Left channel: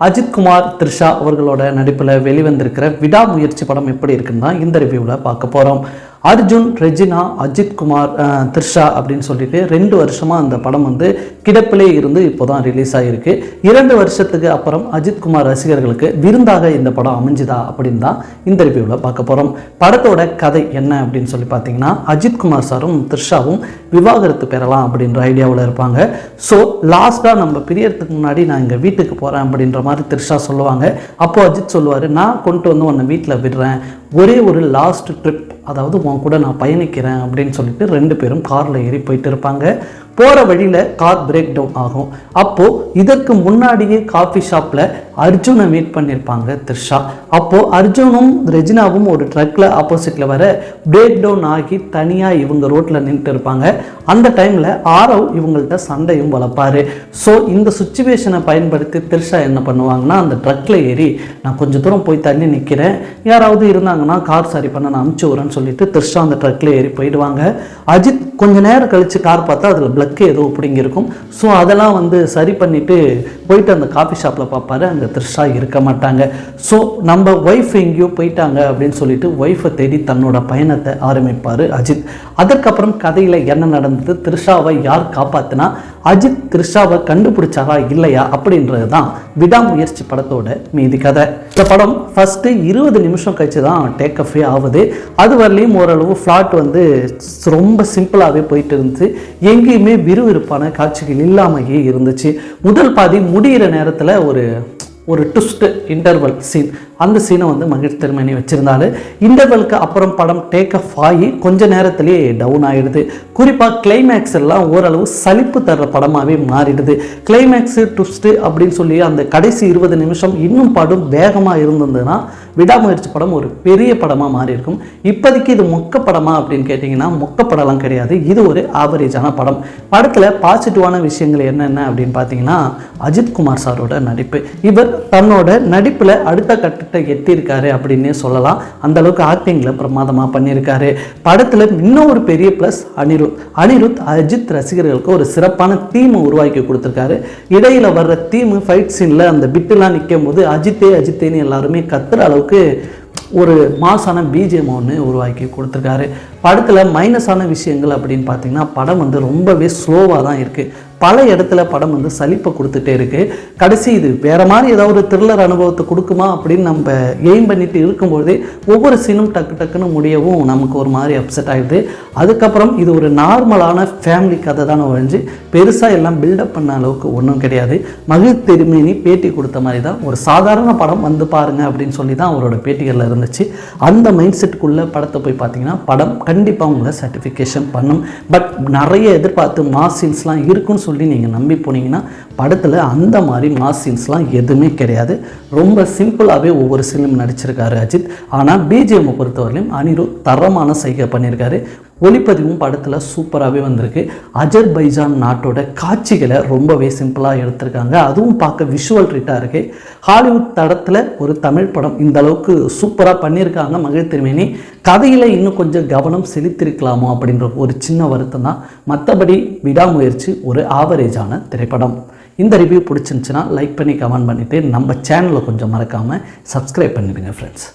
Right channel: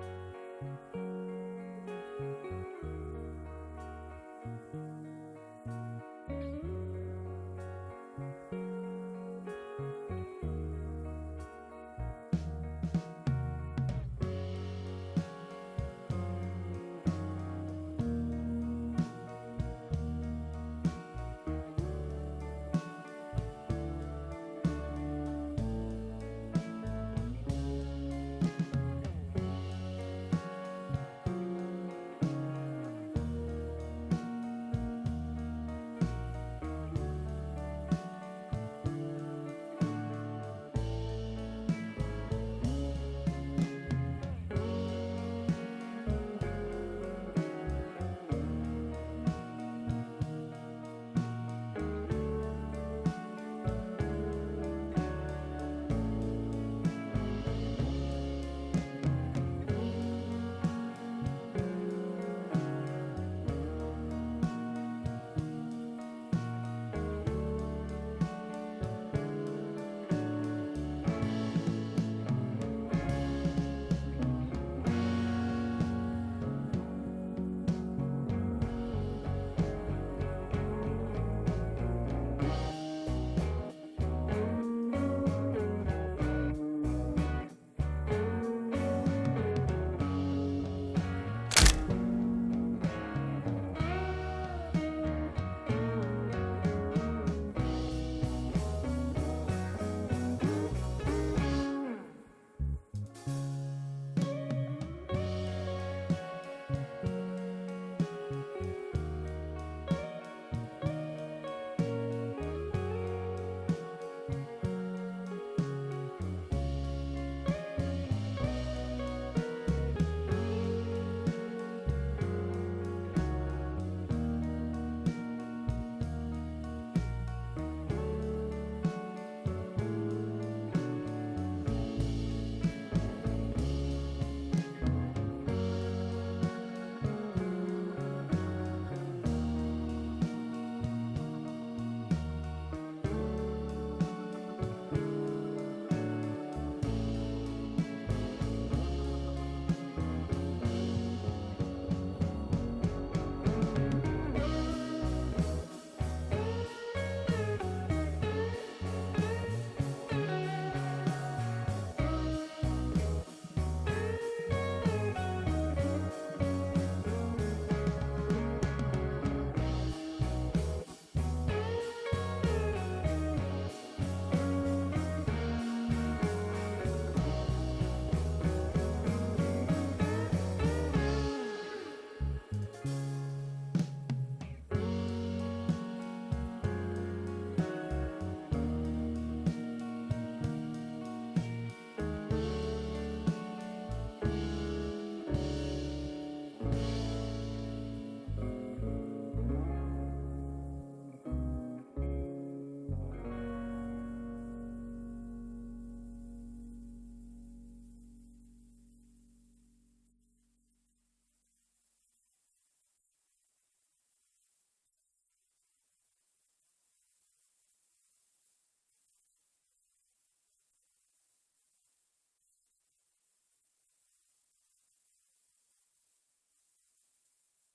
அஜித்குமார் த்ரிஷா அவர்களோட நடிப்பில் வெளிவந்திருக்கிற விடாமுயற்சி படம் எப்படி இருக்குன்னா இந்த ரிவ்யூவில் பார்க்க போகிறோம் அர்ஜுன் ரெஜினா அஜித் குமார் த்ரிஷா அப்படின்னு சொல்லிட்டு ரெண்டு வருஷமாக அந்த படம் வந்து கிடப்பிலே இருந்து இப்போ தான் ரிலீஸ் ஆகிருக்கு இரண்டு வருஷத்துக்கு அப்புறம் அஜித் குமார் ரசிகர்களுக்கு விருந்தாக இந்த படம் அமைஞ்சுதா அப்படின்னு தான் இந்த ரிவ்யூவில் பார்க்க போகிறோம் படத்தோட கதை என்ன அப்படின்னு சொல்லி பார்த்தீங்கன்னா அஜித்குமார் சாரும் த்ரிஷாவும் விவாகரத்து பெறலாம் அப்படின்ற ஐடியாவில் இருப்பாங்க. ஸோ லாஸ்ட்டாக நம்ம பிரியறதுக்கு முன்னாடி நான் எங்கள் வீட்டுக்கு போகிறேன் அப்படின்ற மாதிரி த்ரிஷா சொல்லுவாங்க. அப்போது அஜித் சொல்லுவார் நான் கொண்டு வந்து உன்னை வீட்டில் விடுறேன். ஒரே ஒரு லாஸ்ட் ட்ரிப் அதாவது உன் கூட நான் பயணிக்கிறேன் அப்படின்னு சொல்லிட்டு ரெண்டு பேரும் காரில் ஏறி போயிட்டு இருப்பாங்க. போகிற வழியில் கார் பிரேக் டவுன் ஆகும். அப்போது இதற்கு முன்னாடியே காஃபி ஷாப்பில் அர்ஜுனை மீட் பண்ணியிருப்பாங்க த்ரிஷா. அப்போது அர்ஜுனும் ரெஜினாவும் ஒரு ட்ரக்கில் ஆப்போசிட்டில் வர பிரேக் டவுன் ஆகி தனியாக இவங்க ரோட்டில் நின்றுட்டு இருப்பாங்க. அந்த டைமில் ஆரவ் இவங்கள்ட்ட சண்டையும் வளர்ப்பார் ஸோ இந்த சுச்சுவேஷனை பயன்படுத்தி த்ரிஷா என்ன பண்ணுவாங்கன்னா அந்த ட்ரக்கில் ஏறி நான் கொஞ்சம் தூரம் போய் தள்ளி நிற்கிறேன் யாராவது இருந்தாங்கன்னா கார் சரி பண்ண நான் அமுச்சு விட்றேன்னு சொல்லிட்டு த்ரிஷா அந்த ட்ரக்கில் ஏறி போயிடுவாங்க. அஜித் கொஞ்ச நேரம் கழித்து கார் பார்த்தா அதில் பிளக்கு ஏதோ பிடிங்கிருக்கும் ஸோ அதெல்லாம் வந்து சரி பண்ணிவிட்டு போயிட்டு அந்த காஃபி ஷாப்பில் பார்ப்பாரு. அங்கே த்ரிஷா இருக்க மாட்டாங்க. ஸோ நம்ம ஒய்ஃப் எங்கேயோ போயிட்டாங்க அப்படின்னு சொல்லிட்டு ஒய்ஃபை தேடி தன்னோட பயணத்தை ஆரம்பிப்பார் அஜித். அதற்கப்புறம் கதையில் என்ன நடந்தது? த்ரிஷாவை யார் காப்பாற்றினா அஜித் த்ரிஷாவை கண்டுபிடிச்சாரா? இல்லையா? அப்படின்றது தான் விடாமுயற்சி படத்தோட மீதி கதை. இந்த படம் ஃபஸ்ட்டு இருபது நிமிஷம் கழிச்சு தான் டேக் அஃபே ஆகுது. அது வரலையும் ஓரளவு ஃப்ளாட் வந்து ரொம்ப சிம்பிளாகவே போயிட்டு இருந்துச்சு. எங்கேயுமே விறுவிறுப்பான காட்சிகள் இல்லாமையே இருந்துச்சு. முதல் பாதி முடிகிற நேரத்தில் ஒரு ஒரு ட்விஸ்ட் இன்டர்வல் சீன் அந்த சீனை வந்து மகிழ் திருமணி வச்சுருந்தாரு. இன்டர்வலுக்கு அப்புறம் படம் டேக் ஆஃப் ஆகி கொஞ்ச நேரத்திலேயே டவுன் ஆகிடுது குறிப்பாக கிளைமேக்ஸ் எல்லாம் ஓரளவு சலிப்பு தர்ற படமாகவே மாறிடுது. கிளைமேக்ஸு ட்விஸ்ட்டு அப்படின்னு சொல்லி அந்த கடைசி இருபது நிமிஷம் இன்னும் படம் வேகமாக இருந்ததுன்னா விடாமுயற்சி படம் ஒரு பெரிய படமாக மாறி இருக்கும் இப்போதைக்கு இது மொக்க படமா அப்படின்னு கேட்டிங்கன்னா மொக்க படம்லாம் கிடையாது. இது ஒரு ஆவரேஜான படம். படத்தில் பாசிட்டிவான விஷயங்கள் என்னென்ன அப்படின்னு பார்த்தீங்கன்னா அஜித் குமார் சாரோட நடிப்பு. இவர் தன்னோட நடிப்பில் அடுத்த கட்டத்தை எட்டியிருக்காரு அப்படின்னே சொல்லலாம். அந்த அளவுக்கு ஆக்டிங்கில் பிரமாதமாக பண்ணியிருக்காரு. படத்தில் இன்னும் ஒரு பெரிய ப்ளஸ் அனிருத். அனிருத் அஜித் ரசிகர்களுக்கு ஒரு சிறப்பான தீமை உருவாக்கி கொடுத்துருக்காரு. இடையில் வர்ற தீமு ஃபைட் சீனில் அந்த பிட்டுலாம் நிற்கும் போது அஜித்தே அஜித்தேன்னு எல்லாருமே கத்துற அளவுக்கு ஒரு மாசான பிஜிஎம் ஒன்று உருவாக்கி கொடுத்துருக்காரு. படத்தில் மைனஸான விஷயங்கள் அப்படின்னு பார்த்தீங்கன்னா படம் வந்து ரொம்பவே ஸ்லோவாக தான் இருக்குது பல இடத்துல படம் வந்து சலிப்பை கொடுத்துட்டே இருக்குது கடைசி இது வேறு மாதிரி ஏதாவது ஒரு த்ரில்லர் அனுபவத்தை கொடுக்குமா அப்படின்னு நம்ம எய்ம் பண்ணிட்டு இருக்கும்போதே ஒவ்வொரு சீனும் டக்கு டக்குன்னு முடியவும் நமக்கு ஒரு மாதிரி அப்செட் ஆகிடுது அதுக்கப்புறம் இது ஒரு நார்மலான ஃபேமிலி கதை தானே ஒழிஞ்சு பெருசாக எல்லாம் பில்டப் பண்ண அளவுக்கு ஒன்றும் கிடையாது. மகிழ் திருமேனி பேட்டி கொடுத்த மாதிரி தான் ஒரு சாதாரண படம் வந்து பாருங்க அப்படின்னு சொல்லி தான் அவரோட பேட்டிகளில் இருந்துச்சு. அந்த மைண்ட் செட்டுக்குள்ளே படத்தை போய் பார்த்தீங்கன்னா படம் கண்டிப்பாக உங்களை சர்டிஃபிகேஷன் பண்ணும். பட் நிறைய எதிர்பார்த்து மாஸ் சீன்ஸ்லாம் இருக்குன்னு சொல்லி நீங்கள் நம்பி போனீங்கன்னா படத்தில் அந்த மாதிரி மாஸ் சீன்ஸ்லாம் எதுவுமே கிடையாது. ரொம்ப சிம்பிளாகவே ஒவ்வொரு சீனும் நடிச்சிருக்காரு அஜித். ஆனால் பிஜிஎம்மை பொறுத்தவரையிலும் அனிருத் தரமான சைகை பண்ணியிருக்காரு ஒளிப்பதிவும் படத்தில் சூப்பராகவே வந்திருக்கு. அஜர்பைஜான் நாட்டோட காட்சிகளை ரொம்பவே சிம்பிளாக எடுத்திருக்காங்க. அதுவும் பார்க்க விஷுவல் ட்ரீட்டாக இருக்குது ஹாலிவுட் தடத்தில் ஒரு தமிழ் படம் இந்த அளவுக்கு சூப்பராக பண்ணியிருக்காங்க மகிழ் திருமேனி கதையில் இன்னும் கொஞ்சம் கவனம் செலுத்திருக்கலாமோ அப்படின்ற ஒரு சின்ன வருத்தம் தான். மற்றபடி விடாமுயற்சி ஒரு ஆவரேஜான திரைப்படம். இந்த ரிவ்யூ பிடிச்சிருந்துச்சுன்னா லைக் பண்ணி கமெண்ட் பண்ணிவிட்டு நம்ம சேனலை கொஞ்சம் மறக்காமல் சப்ஸ்கிரைப் பண்ணிடுங்க ஃப்ரெண்ட்ஸ்